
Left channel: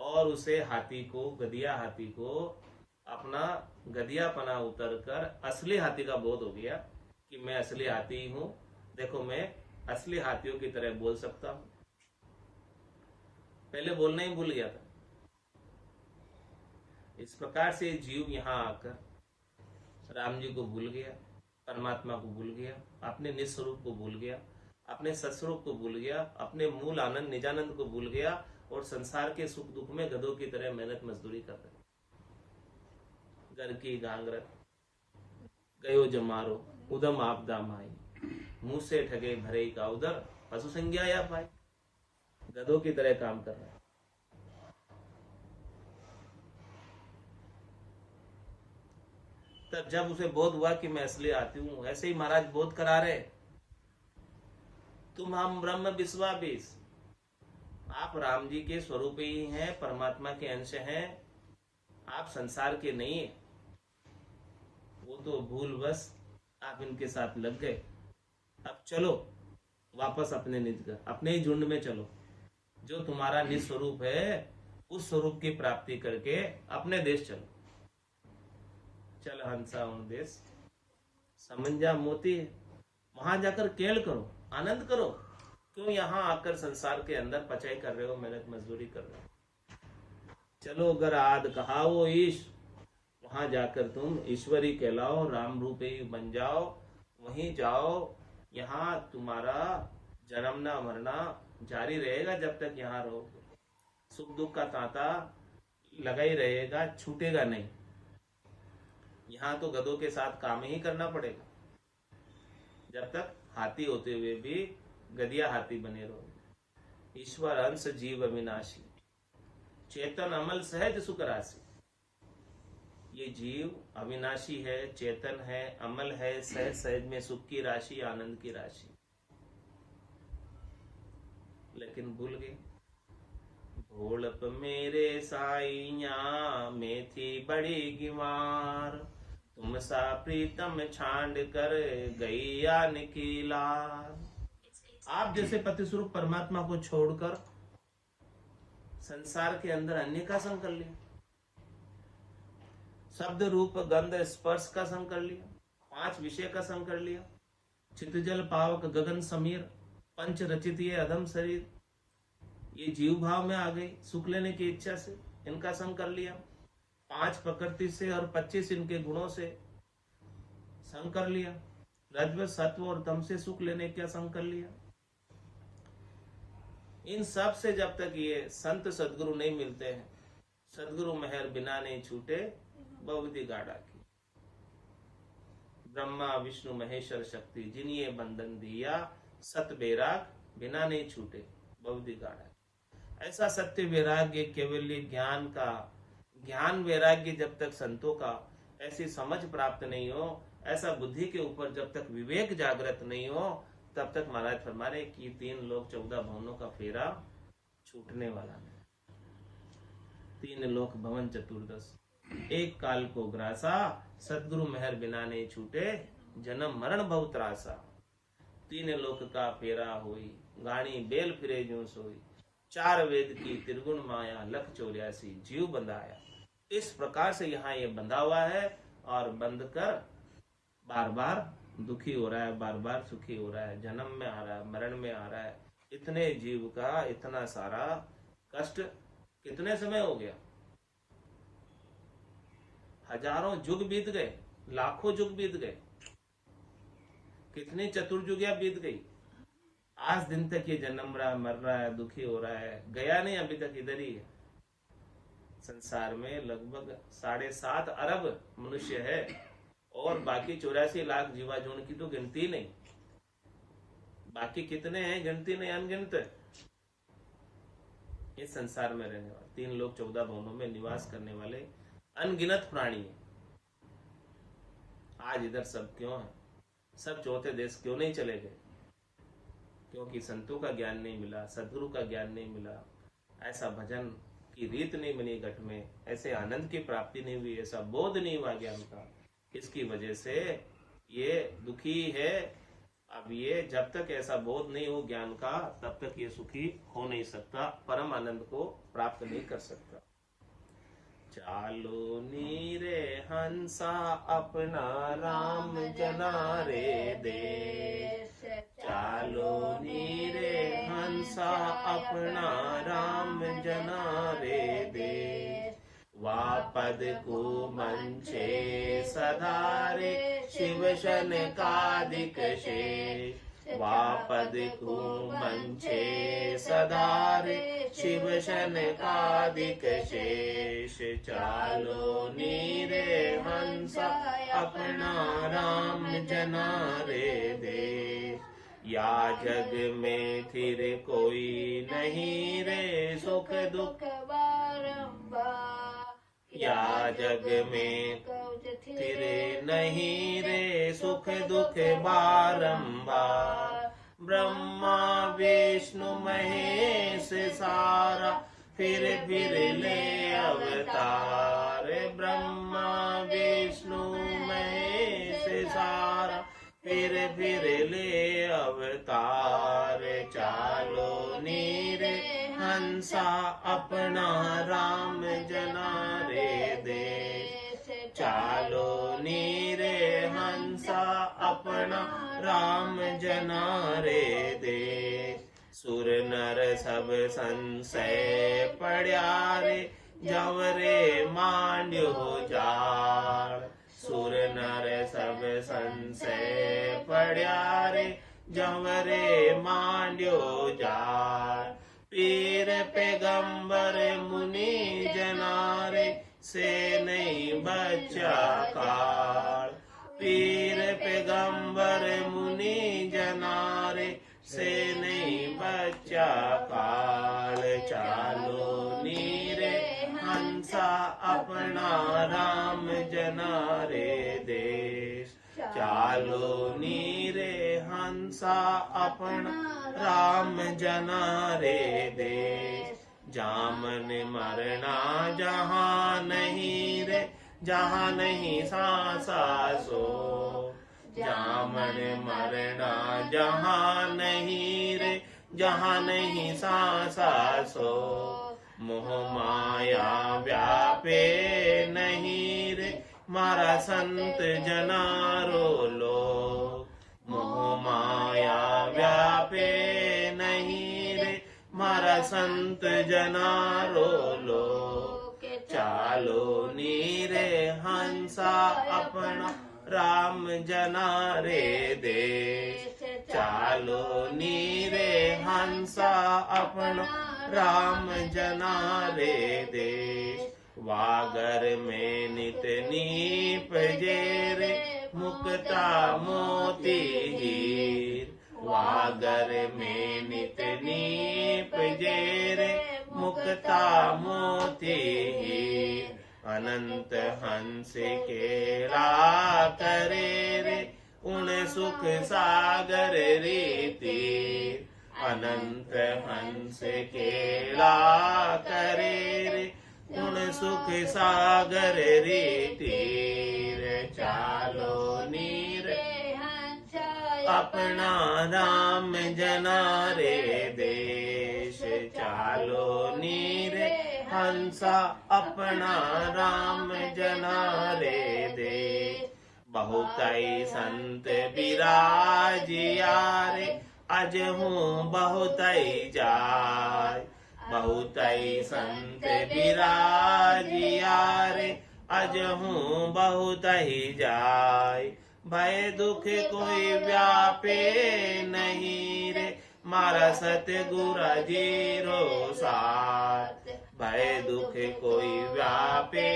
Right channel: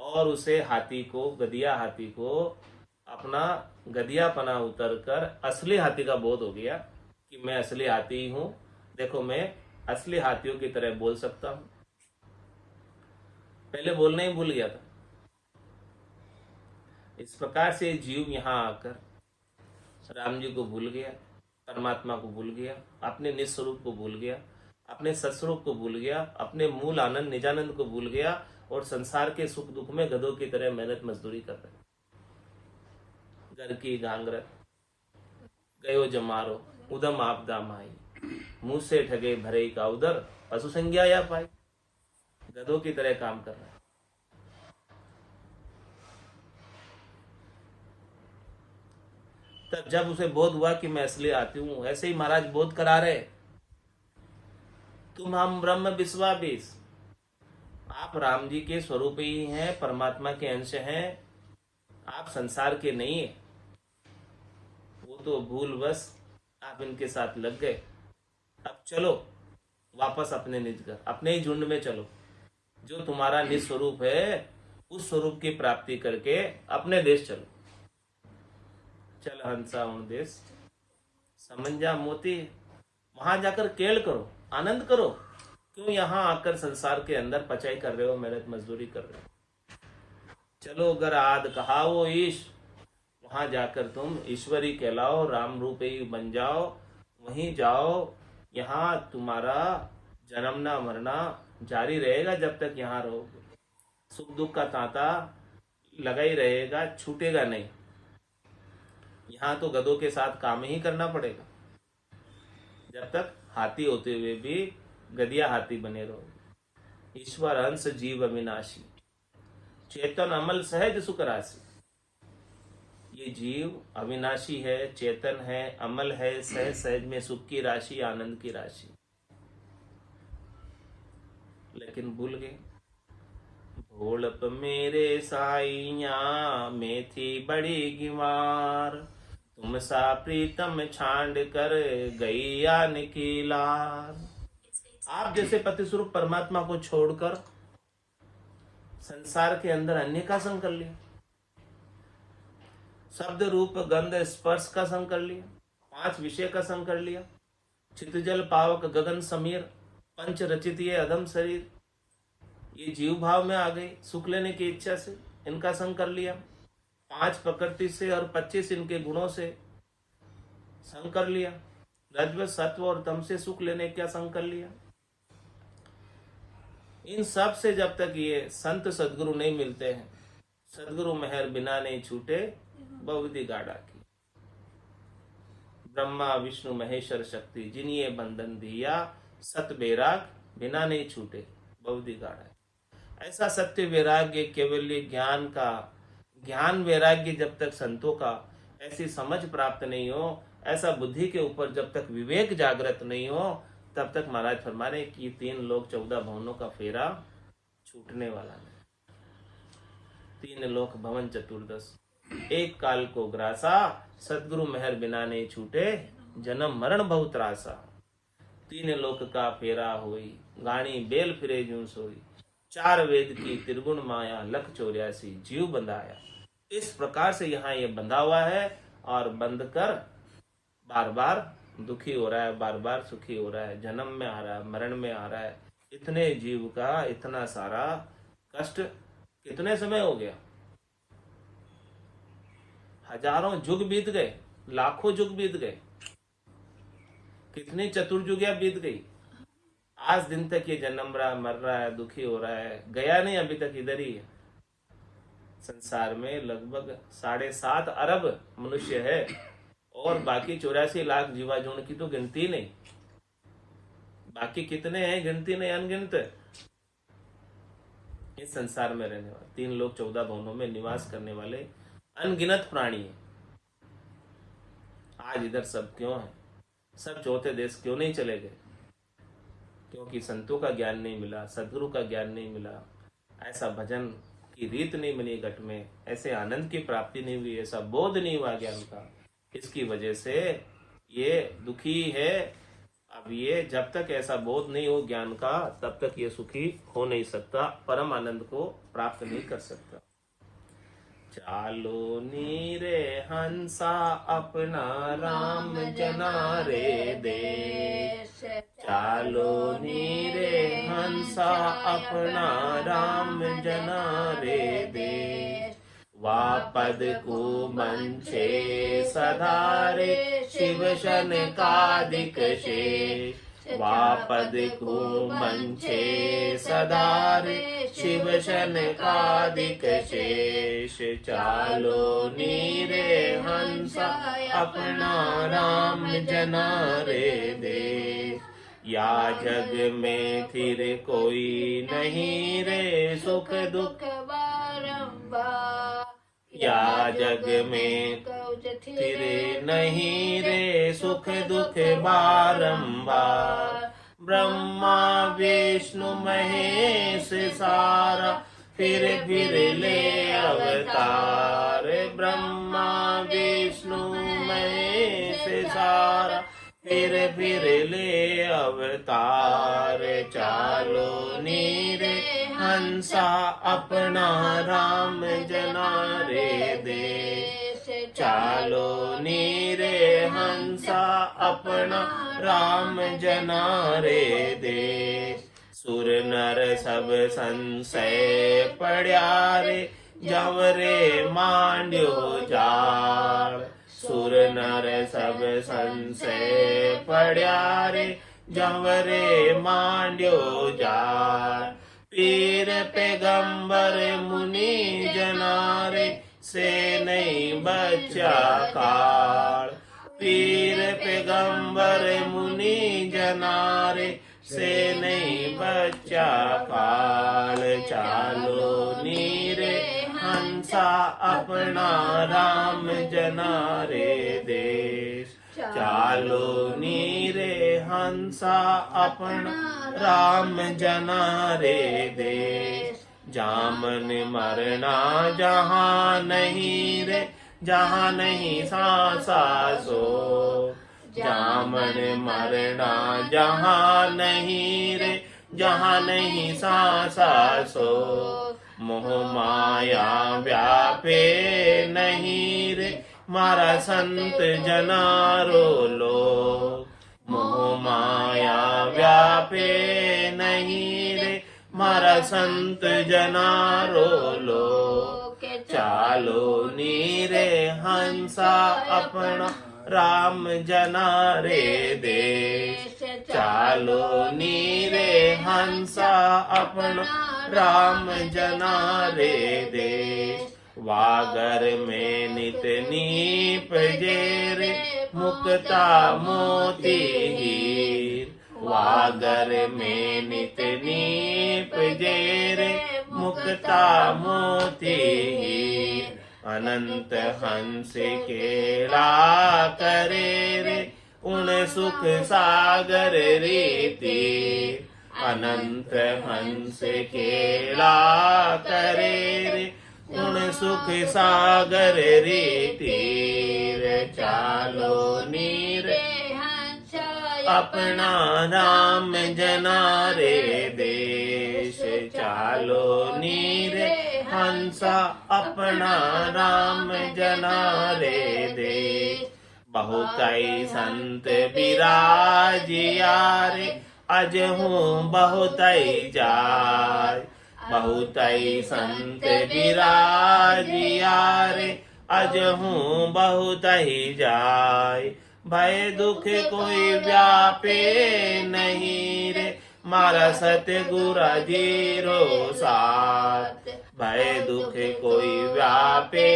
और उसे हाथी को, गधिया हाथी को अपना गधियापना उतर कर असली हाथी का बोध हो गया कि मैं असली हाथी ही हूं। देखो, मैं असली हाथियों की तरह बोल सकता हूं। पहले बोलना ही भूल गया था। इस प्रकार से जीव यहां आकर राम जी को भूल गया, परमात्मा को भूल गया, अपने निस्वरूप को भूल गया, अपने सत्स्वरूप को भूल गया, अपने मूल आनंद निजानंद को भूल गया, और संसार के सुख दुख में गधों की तरह मेहनत मजदूरी कर रहे। घर की गांगरत गयो जमारो, उदम आपदा माई, मुंह से ठगे भरे का उदर, पशु संज्ञा या पाई। गधों की तरह काम कर रहा है। तब जब उसे बोध हुआ कि मैं असली आती हूं, ऐसे ही महाराज बोध करा रहे, तुम हम ब्रह्म विश्वाबीस, आप राम जी के स्वरूप ही हैं, परमात्मा के अंश हैं, आप संसार के नहीं है। वो तो भूलवश आप इनके साथ लग गए। अब चलो वापस अपने निज घर, अपने ही झुंड में चलो। जो तुम्हारा निज स्वरूप है, उस स्वरूप की प्राप्ति करके अपने देश चलो। चल हंसा उन देश समंजा मोती, वहां जाकर केल करो, आनंद करो। क्यों यहाँ आकर संसार के अंदर पचाई कर रहे हो, मेहनत मजदूरी कर रहे हो। चलो अगर आद कहाओ ईश, वहां जाकर तुम ईश्वरी कहलाओ, राम रूप ही बन जाओ, वहीं जाओ। यहाँ तुम्हारा जन्मना मरना जारी रहेगा जब तक यहाँ रहोगे। सुख दुख का तांता लगा ही रहेगा, छूटेगा नहीं। यहाँ तो गधों के साथ काम ही करना पड़ेगा, जब तक हाथी होते हुए भी गधिया हाथी बने रहो। ईश्वर अंश जीव अविनाशी, चेतन अमल सहज सुख राशि। ये जीव अविनाशी है, चेतन है, अमल है, सहज सहज में सुख की राशि, आनंद की राशि। लेकिन भूल गए। भोलप मेरे साइया में थी बड़ी गिवार, तुम सा प्रीतम छांड कर गैया निकीलार। आप जैसे पति स्वरूप परमात्मा को छोड़कर संसार के अंदर अन्य का संग कर लिया, शब्द रूप गंध स्पर्श का संग कर लिया, 5 विषय का संग कर लिया, चितजल पावक गगन समीर, पंच रचित ये अधम शरीर, ये जीव भाव में आ गए। सुख लेने की इच्छा से इनका संग कर लिया, 5 प्रकृति से और 25 इनके गुणों से संग कर लिया, रजव सत्व और तम से सुख लेने का संग कर लिया। इन सब से जब तक ये संत सदगुरु नहीं मिलते हैं, सदगुरु मेहर बिना नहीं छूटे बहुविधि गाड़ा की। ब्रह्मा विष्णु महेश्वर शक्ति जिन ये बंधन दिया, सत वैराग बिना नहीं छूटे बहुविधि गाड़ा। ऐसा सत्य वैराग्य, केवल ज्ञान का, ज्ञान वैराग्य जब तक संतों का ऐसी समझ प्राप्त नहीं हो, ऐसा बुद्धि के ऊपर जब तक विवेक जागृत नहीं हो, तब तक महाराज फरमा रहे कि 3 लोक 14 भवनों का फेरा छूटने वाला नहीं। 3 लोक भवन चतुर्दश, एक काल को ग्रासा, सदगुरु मेहर बिना नहीं छूटे, जन्म मरण बहुत त्रासा। तीन लोक का फेरा होई, गाणी बेल फिरे ज्यों सोई, चार वेद की त्रिगुण माया, लख 84 जीव बंधाया। इस प्रकार से यहाँ ये बंधा हुआ है और बंध कर बार बार दुखी हो रहा है, बार बार सुखी हो रहा है, जन्म में आ रहा है, मरण में आ रहा है। इतने जीव का इतना सारा कष्ट कितने समय हो गया? हजारों युग बीत गए, लाखों युग बीत गए, कितनी चतुर्युगियां बीत गई। आज दिन तक ये जन्म रहा, मर रहा है, दुखी हो रहा है, गया नहीं, अभी तक इधर ही है। संसार में लगभग 7.5 अरब मनुष्य है और बाकी 84 लाख जीवाजून की तो गिनती नहीं। बाकी कितने हैं गिनती नहीं, अनगिनत। इस संसार में रहने वाले 3 लोक 14 भुवनों में निवास करने वाले अनगिनत प्राणी हैं। आज इधर सब क्यों है? सब चौथे देश क्यों नहीं चले गए? क्योंकि संतों का ज्ञान नहीं मिला, सदगुरु का ज्ञान नहीं मिला, ऐसा भजन की रीत नहीं बनी घट में, ऐसे आनंद की प्राप्ति नहीं हुई, ऐसा बोध नहीं हुआ ज्ञान का। इसकी वजह से ये दुखी है। अब ये जब तक ऐसा बोध नहीं हो ज्ञान का, तब तक ये सुखी हो नहीं सकता, परम आनंद को प्राप्त नहीं कर सकता। चालो नीरे हंसा अपना राम जना रे देश, चालो नीरे हंसा अपना राम जना रे देश, वापद को मंचे सधारे शिव शन कादिक शेष, वापद को मंचे सधारे शिव शन कादिक शेष, चालो नीरे हंसा अपना राम जना रे देश, या जग में फिर कोई नहीं रे सुख दुख बारंबार, या जग में फिर नहीं रे सुख दुख बारंबार, ब्रह्मा विष्णु महेश सारा फिर ले अवतार, ब्रह्मा विष्णु महेश सारा फिर ले अवतार, चालो नीरे हंसा अपना राम जना रे देश, चालो नीरे हंसा अपना राम जना रे देश, सुर नर सब संशय पड़्या रे जवरे मांड्यो जाल, सुर नर सब संशय पड़्या रे जवरे मांड्यो जाल, पीर पैगंबर मुनि जनारे से नहीं बचा काल, पीर पैगंबर मुनि जनारे से नहीं बचा काल, चालो नीरे हंसा अपना राम जना रे देश, चालो नीरे हंसा अपना राम जना रे देश, जामन मरना जहाँ नहीं रे जहाँ नहीं सांसा सो, जामन मरना जहाँ नहीं रे जहाँ नहीं सांसा सो, मोह माया व्यापे नहीं रे मारा संत जनारो लो, मोह माया व्यापे नहीं रे मारा संत जनारो लो, चालो नीरे हंसा अपना राम जना रे देश, चालो नीरे हंसा अपना राम जना रे देश, वागर में नित नीप जेरे मुक्ता मोती हीर, वागर में नित नीप जेरे मुक्ता मोती हीर, अनंत हंस केला करे रे उन सुख सागर रीति, अनंत हंस केला करे रे उन सुख सागर रीति, चालो नीर अपना राम जना रे देश। चालो नीरे हंसा अपना राम जना रे देश। बहुतई संत विराजिया रे अजहू बहुतई जाय। बहुतई संत विराजिया रे अजहू बहुतई जाय। भय दुख कोई व्यापे नहीं रे मारा सतगुरु जीरो साथ। भय दुख कोई व्यापे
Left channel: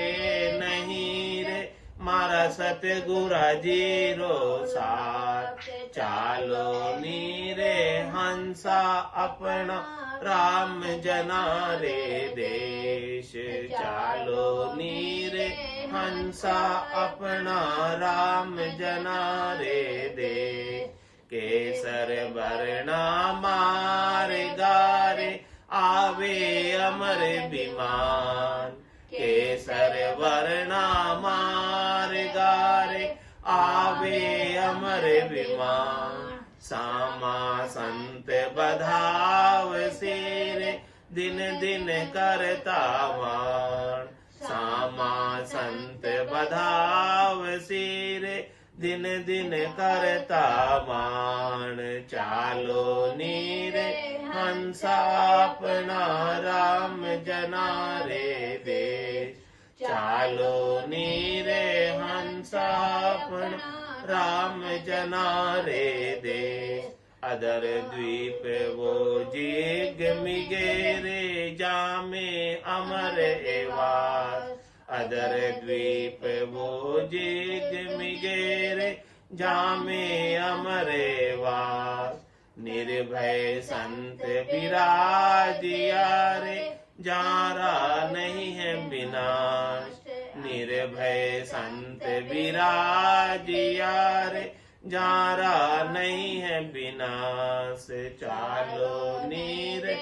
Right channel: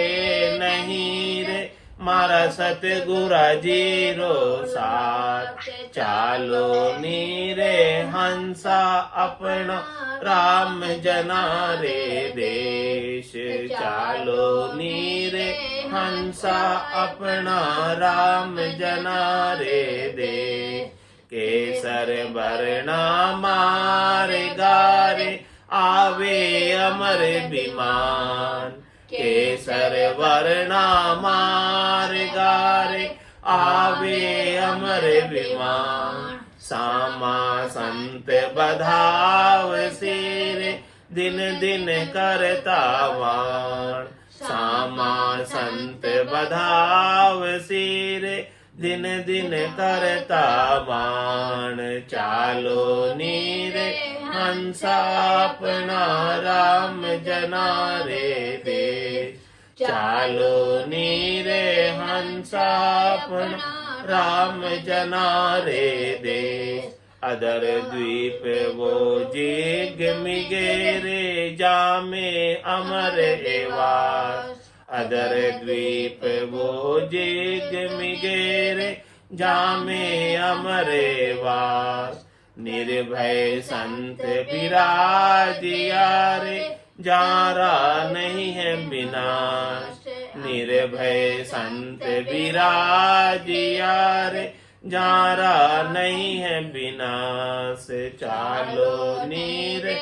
नहीं रे मारा सतगुरु जीरो साथ। चालो नीरे हंसा अपना राम जना रे देश। चालो नीरे हंसा अपना राम जना रे देश। केसर वर्णा मारे गारे आवे अमर विमान। केसर वर्णा मार गारे आवे अमर विमान। सामा संत बधाव सिरे दिन दिन करता वाण। सामा संत बधाव सिरे दिन दिन करता वाण। चालो नीरे हंसा अपना राम जना रे देश। चालो नीरे हंसा अपना राम जना रे देश। अदर द्वीप वो जिग मिगेरे जामे अमर एवास। अदर द्वीप वो जिग मिगेरे जामे अमर एवास। निर्भय संत विराजिया रे जारा नहीं है विनाश। निर्भय संत विराजिया रे जारा नहीं है विनाश। चालो नीरे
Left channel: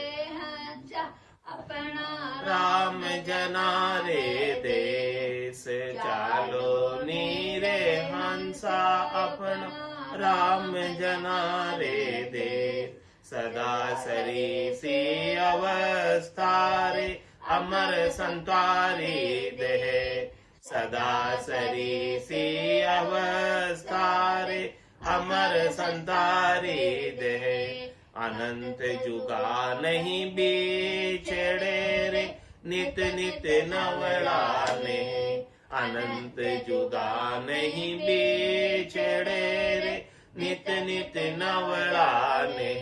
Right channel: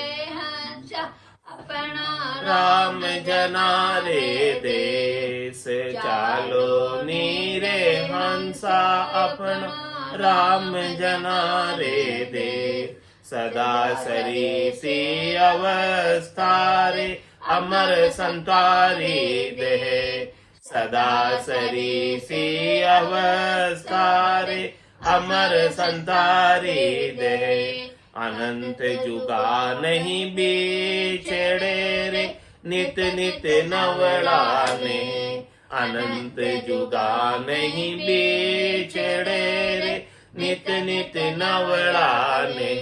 राम जना रे देश। चालो नीरे हंसा अपना राम जना रे देश। सदा सरीसी अवस्था रे अमर संतारी देह। सदा सरीसी अवस्था रे अमर संतारी देह। अनंत जुगा नहीं बिछड़े रे नित नित नवड़ाने। अनंत जुगा नहीं बिछड़े रे नित नित नवड़ाने।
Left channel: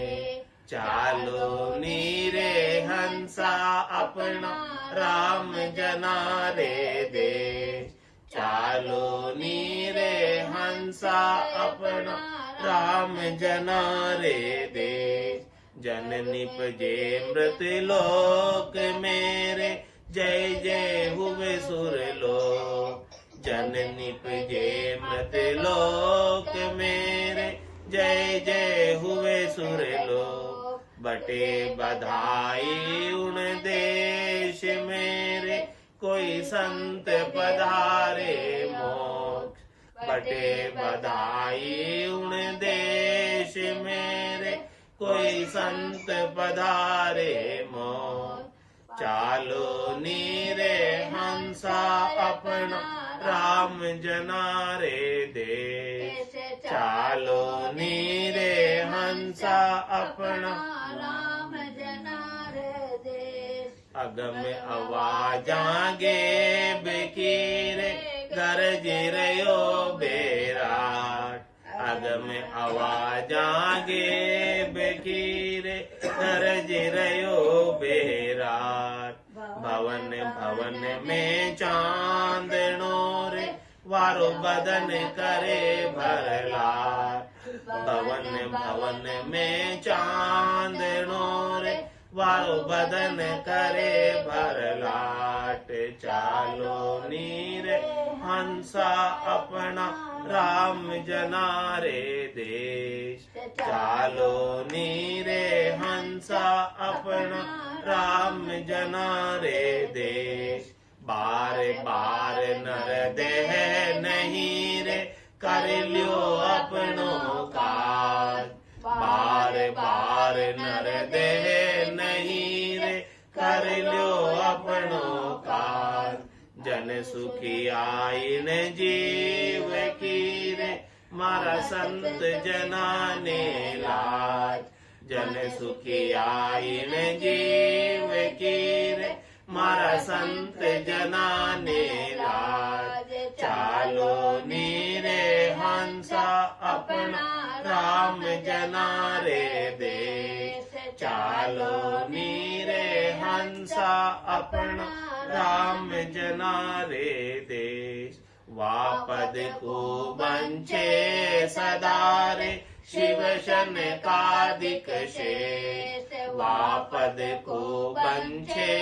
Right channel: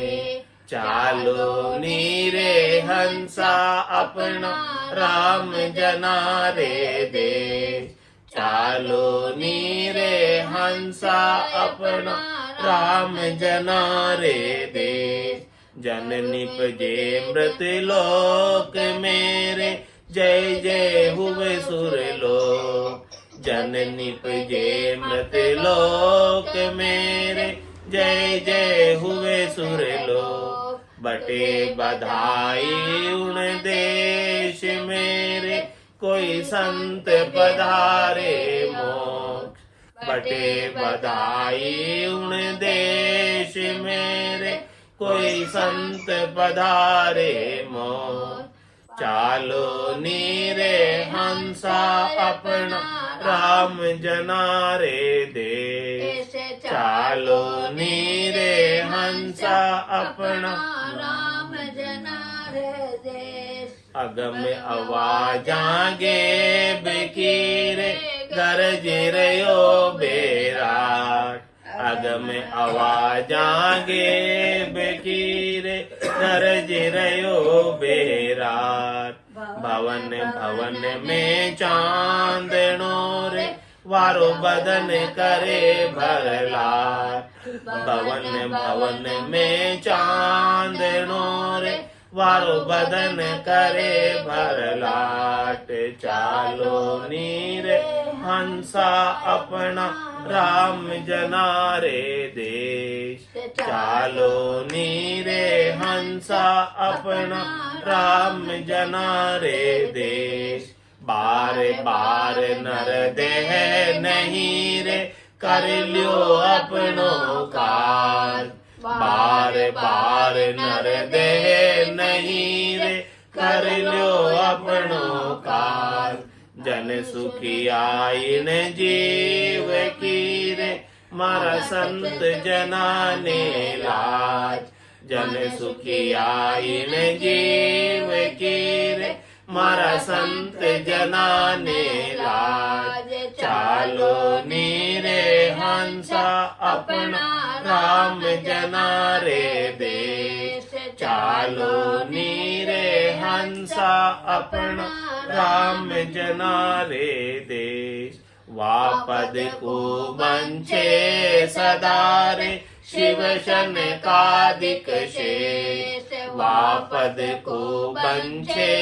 चालो नीरे हंसा अपना राम जना रे देश। चालो नीरे हंसा अपना राम जना रे देश। जन निपजे मृत लोक मेरे जय जय हुए सुर लोक। जन निपजे मृत लोक मेरे जय जय हुए सुर लोक। बटे बधाई उन देश मेरे कोई संत पधारे मोक्ष। बटे बधाई उन देश मेरे कोई संत पधारे मोक्ष। चालो नीरे हंसा अपना राम जना रे देश। चालो नीरे हंसा अपना राम जना रे देश। अगम आवाजागे बेकीरे गरज रयो बेराट। अगम आवाजागे बेकीरे गरज रयो बेराट। भवन भवन में चांदनो रे वारो बदन करे भरलाट। भवन भवन में चांदनो रे वारो बदन करे भरलाट। चालो नीरे हंसा अपना राम जना रे देश। चालो नीरे हंसा अपना राम जना रे देश। बार बार नर देह नहीं रे कर लियो अपनो काज। बार बार नर देह नहीं रे, कर लियो अपनो काज। जन सुखी आइन जीव की रे, मारा संत जना ने लाज। जन सुखी आइन जीव की रे, मारा संत जना ने लाज। चालो नीरे हंसा अपना, राम जना रे देश। चालो नीरे हंसा अपना, राम जना रे देश। वापद को बंचे सदारे, शिव शनकादिक शेष। वापद को बंचे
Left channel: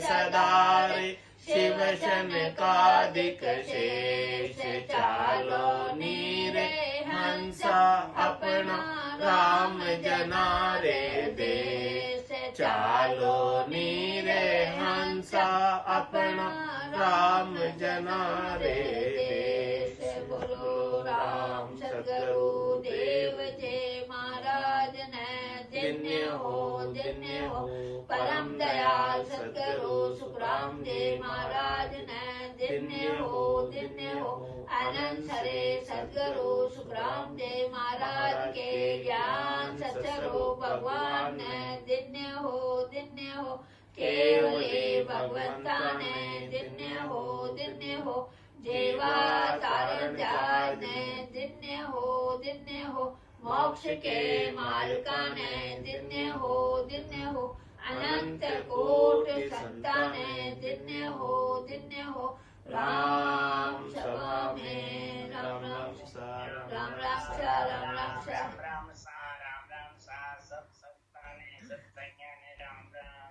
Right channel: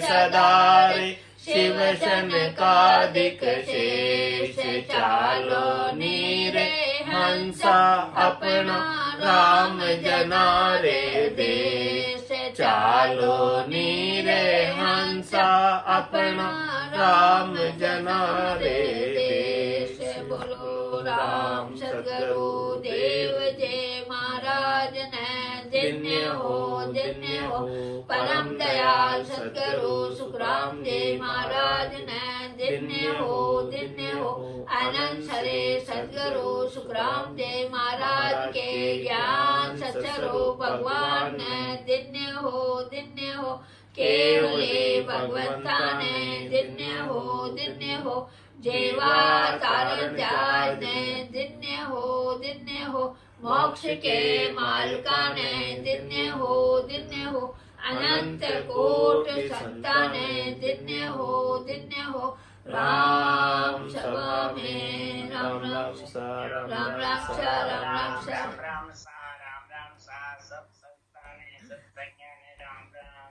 सदारे, शिव शनकादिक शेष। चालो नीरे हंसा अपना, राम जना रे देश। चालो नीरे हंसा अपना, राम जना रे देश। बोलो राम सद्गुरु देव जय महाराज ने धन्य हो परम दयाल सद्गुरु सुखराम जय महाराज ने धन्य हो आनंद सरे सद्गुरु सुखराम जय महाराज के ज्ञान सत्स्वरूप भगवान ने धन्य हो केवले भगवंता ने धन्य हो जेवा तारण जाय ने धन्य हो मोक्ष के मालिका ने धन्य हो अनंत कोट संता ने धन्य हो राम सभा में राम रक्षा सब सत्ता ने सत्संज्ञा ने राम राम।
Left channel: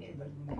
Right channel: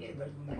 अपना